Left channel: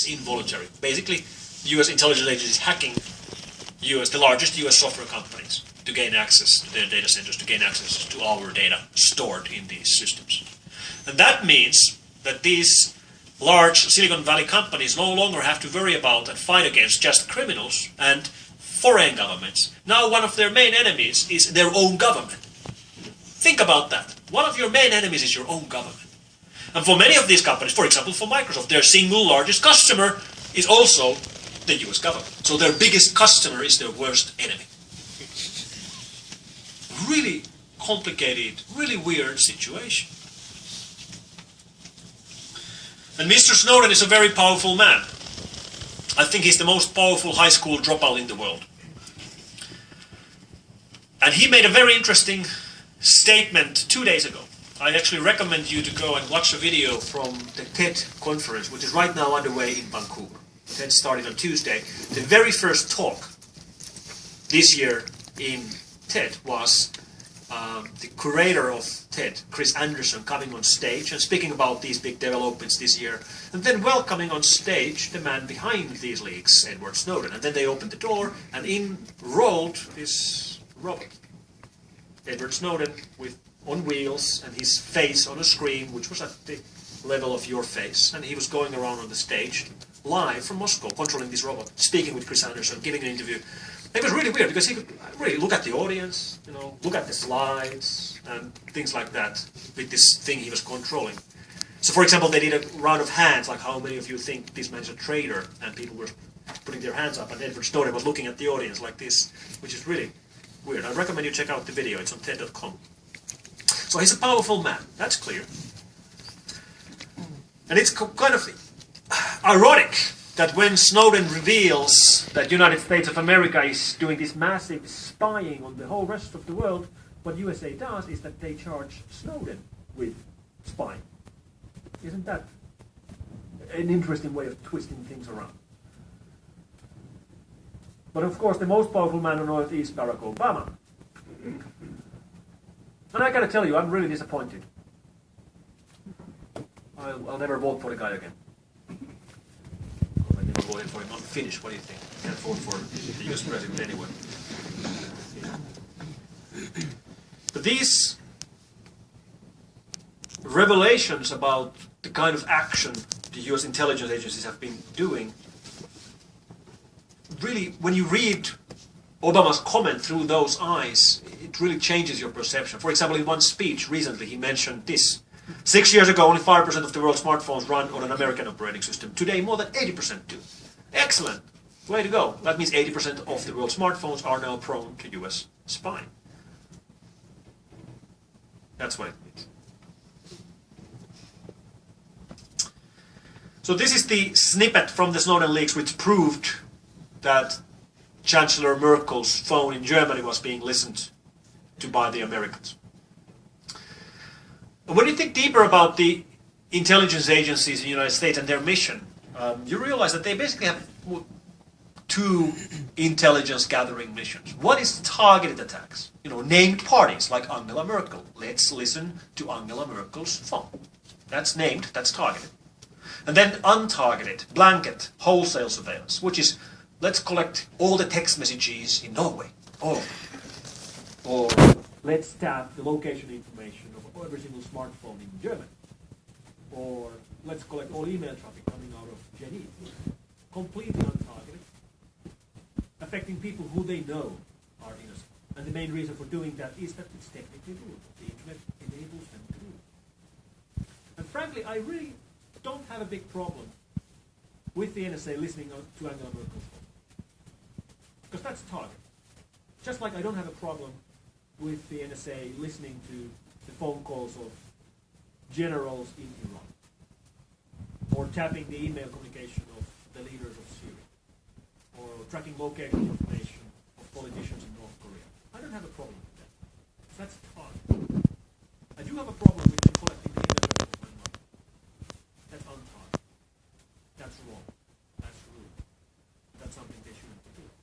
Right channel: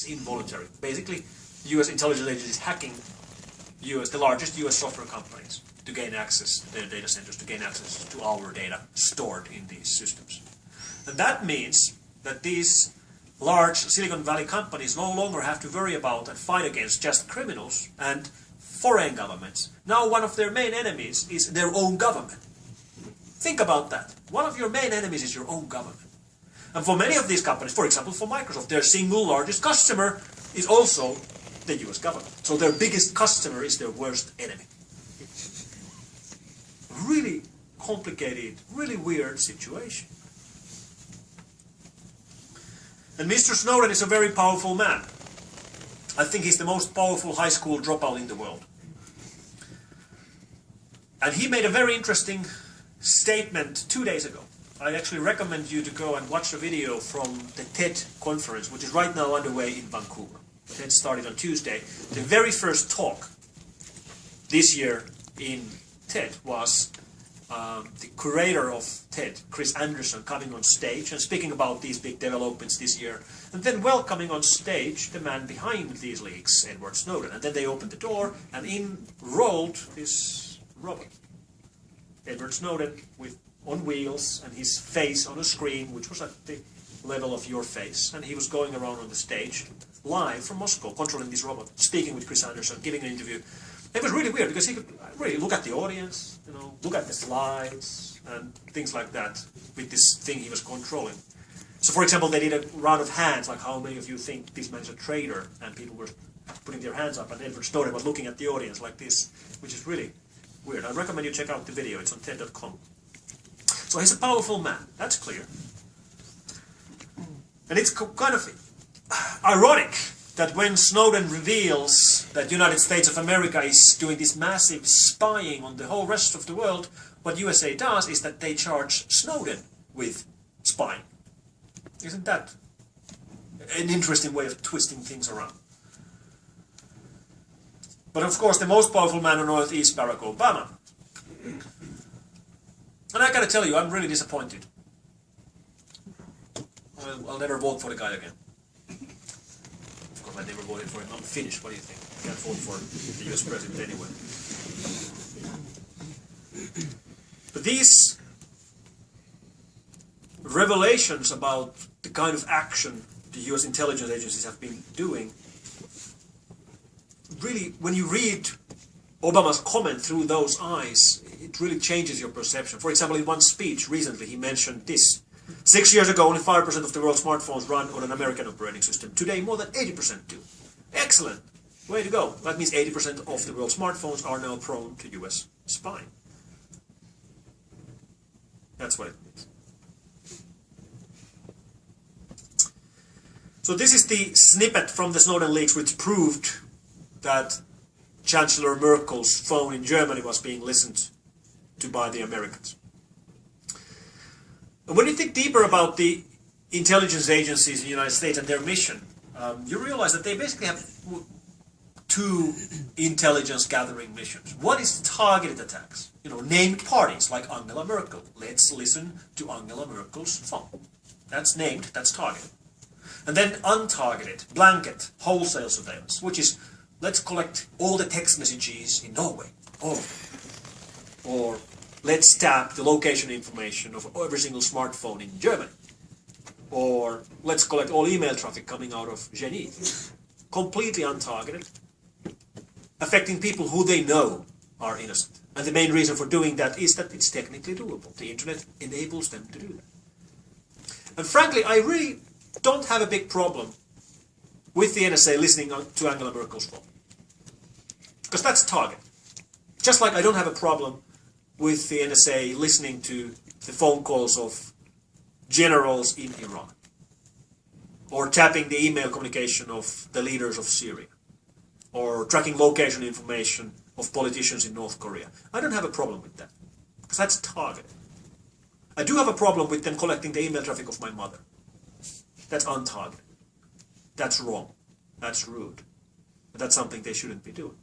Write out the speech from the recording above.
It's involuntary. Basically, US intelligence agencies hacking the largest US software companies to gain access to their data centers, to gain access to our data stored in these systems. And that means that these large Silicon Valley companies no longer have to worry about and fight against just criminals and foreign governments. Now one of their main enemies is their own government. Think about that. One of your main enemies is your own government. And for many of these companies, for example for Microsoft, their single largest customer is also the US government. So their biggest customer is their worst enemy. Really complicated, really weird situation. And Mr. Snowden is a very powerful man. I think he's the most powerful high school dropout in the world. And he made a very interesting statement 2 days ago. I actually recommend you to go and watch a video from the TED conference, which is right now underway in Vancouver. TED started on Tuesday. The very first talk this year in TED was the curator of TED, Chris Anderson, coming on stage and speaking about these big developments this year, and then welcoming on stage the man behind these leaks, Edward Snowden. And then they opened the door, and in rolled this robot. Edward Snowden on wheels, and his face on a screen, which was at the level of your face, and he was going around on the stage, live from Moscow, controlling this robot, speaking with Chris Anderson, giving an interview. It was really weird because he could really look at the audience, look at the slides and things like that with this thing he was controlling. So for example, they did a round of hands, like how many of you think this man is a traitor, and people were putting their hands up, and Edward Snowden was looking at the audience like this, which is really weird. I recommend you check out the video, it's on TED.com. So he's a powerful man, that's clear. And it's kind of ironic that when Snowden reveals that United States of America is doing this massive spying on the whole rest of the world, what USA does is that they charge Snowden with spying. Isn't that an interesting way of twisting things around? But of course the most powerful man on earth is Barack Obama. And I gotta tell you, I'm really disappointed. I'll never vote for the guy again. Of course, I never voted for him. I'm Finnish, what do you think? I can't vote for the US president anyway. But these revelations about the kind of action the US intelligence agencies have been doing, really, when you read Obama's comment through those eyes, it really changes your perception. For example, in one speech recently, he mentioned this. 6 years ago, only 5% of the world's smartphones run on an American operating system. Today, more than 80% do. Excellent. Way to go. That means 80% of the world's smartphones are now prone to US spying. That's what it means. So this is the snippet from the Snowden leaks which proved that Chancellor Merkel's phone in Germany was being listened to by the Americans. And when you think deeper about the intelligence agencies in the United States and their mission, you realize that they basically have two intelligence gathering missions. One is targeted attacks, named parties like Angela Merkel. Let's listen to Angela Merkel's phone. That's named, that's targeted. And then untargeted, blanket, wholesale surveillance, which is let's collect all the text messages in Norway, all of them. Or let's tap the location information of every single smartphone in Germany. Or let's collect all email traffic coming out of Geneva. Completely untargeted, affecting people who they know are innocent. And the main reason for doing that is that it's technically doable. The internet enables them to do that. And frankly, I really don't have a big problem with the NSA listening to Angela Merkel's phone. Because that's target. Just like I don't have a problem with the NSA listening to the phone calls of generals in Iran. Or tapping the email communication of the leaders of Syria. Or tracking location information of politicians in North Korea. I don't have a problem with that. Because that's target. I do have a problem with them collecting the email traffic of my mother. That's untargeted. That's wrong. That's rude. But that's something they shouldn't be doing.